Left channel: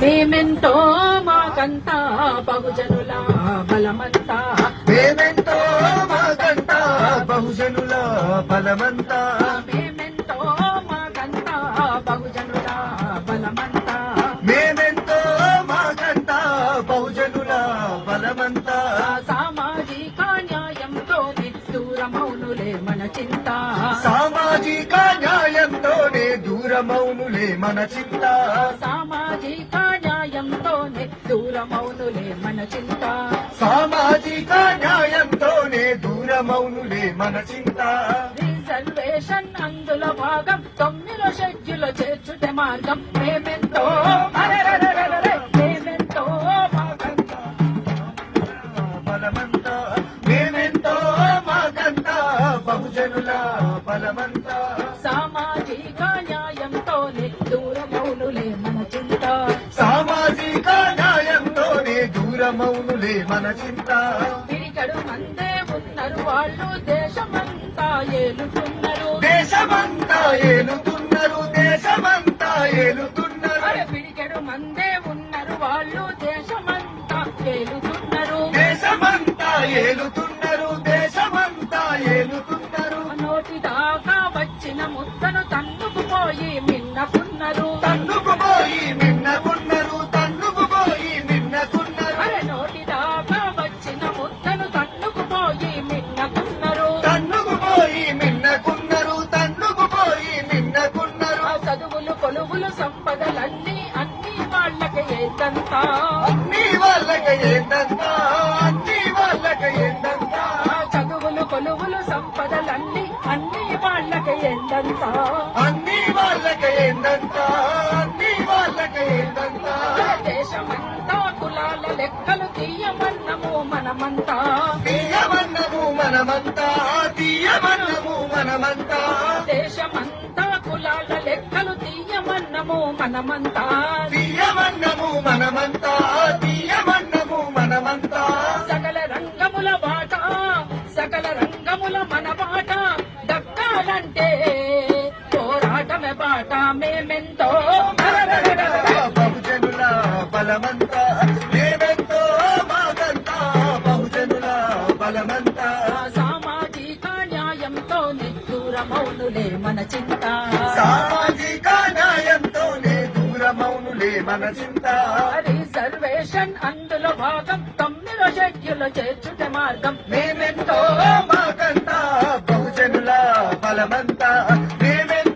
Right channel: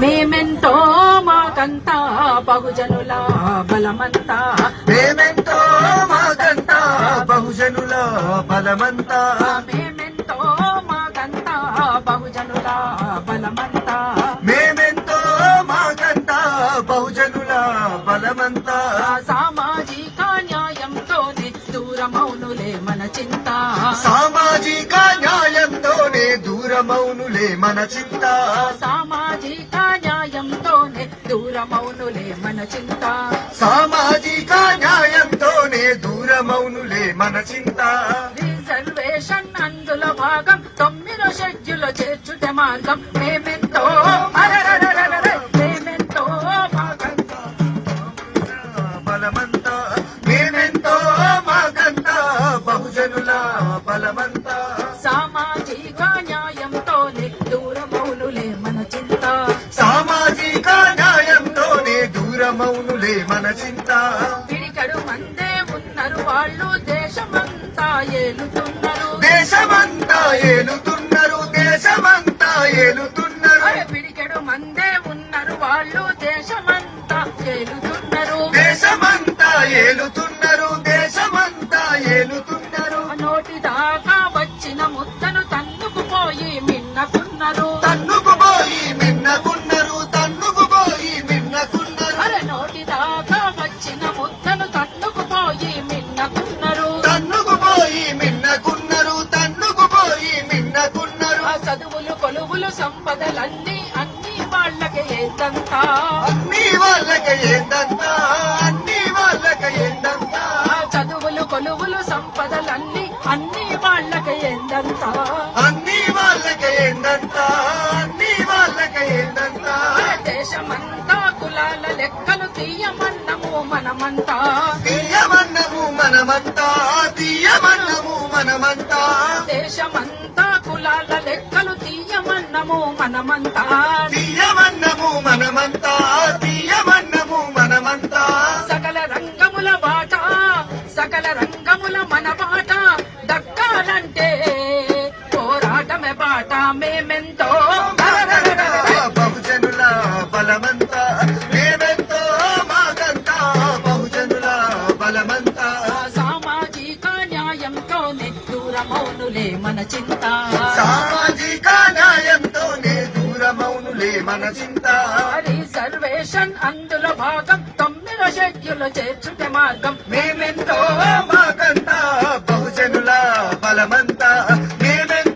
మేమెంతో మాకంతా బహుజనుల బలమంతా, మేమెంతో మాకంతా బహుజనుల బలమంతా, మేమెంతో మాకంతా బహుజనుల బలమంతా, మేమెంతో మాకంతా బహుజనుల బలమంతా. సామాజిక న్యాయంతో దూరమౌనులే మన చింత, సామాజిక న్యాయంతోనే దూరమౌనులే మన చింత, సామాజిక న్యాయంతోనే దూరమౌనులే మన చింత, సామాజిక న్యాయంతోనే దూరమౌనులే మన చింత. రిజర్వేషన్ అందులో భాగం 9వ షెడ్యూల్లో చేర్చుటే మార్గం. మేమెంతో మేమెంతో బలమంతా, మేమెంతో మాకంతా బహుజనుల బలమంతా, సామాజిక న్యాయంతోనే దూరమౌనులే మన చింత, సామాజిక న్యాయంతోనే దూరమౌనులే మన చింత. పిడికడు మందే ఉన్నారు వాళ్ళు దేశమంతా ఏలుతున్నారు, దేశమంతా ఏలుతున్నారు, దేశమంతా ఏలుతున్నారు, పిడికెడు మందే ఉన్నారు వాళ్ళు దేశమంతా ఏలుతున్నారు, దేశమంతా ఏలుతున్నారు, దేశమంతా ఏలుతున్నారు. నోటి దాకా వచ్చిన ముద్దను తన్నుకుపోయి మిన్నకున్నారు, తన్నుకుపోయి మిన్నకున్నారు, తన్నుకుపోయి మిన్నకున్నారు, నోటి దాకా వచ్చిన ముద్దను తన్నుకుపోయి మిన్నకున్నారు, తన్నుకుపోయి మిన్నకున్నారు, తన్నుకుపోయి మిన్నకున్నారు. చదువులు కొలువులు సంపదలన్నీ అన్ని వాళ్ళకి ఏందంతా, అన్ని వాళ్ళకి ఏందంతా, అన్ని వాళ్ళకి ఏందంతా, చదువులు కొలువులు సంపదలన్నీ అన్ని వాళ్ళకి ఏందంతా, అన్ని వాళ్ళకి ఏందంతా, అన్ని వాళ్ళకి ఏందంతా. దేశమంతా కులాల లెక్కలు తీయమన్నము మనమంతా, తీయమన్నము మనమంతా, తీయమన్నము మనమంతా, దేశమంతా కులాల లెక్కలు తీయమన్నము మనమంతా, తీయమన్నము మనమంతా, తీయమన్నము మనమంతా. సకల రంగముల బాట సకల రంగముల మన బాట దక్కాలంటే పోరాటమే బాట. మేమెంతో బహుజనుల బలమంతా, మేమెంతో మాకంతా బహుజనుల బలమంతా, సామాజిక న్యాయంతో దూరమౌనులే మన చింత, సామాజిక న్యాయంతోనే దూరమౌనులే మన చింత. రిజర్వేషన్ అందులో భాగం 9వ షెడ్యూల్లో చేర్చుట మార్గం. మేమెంతో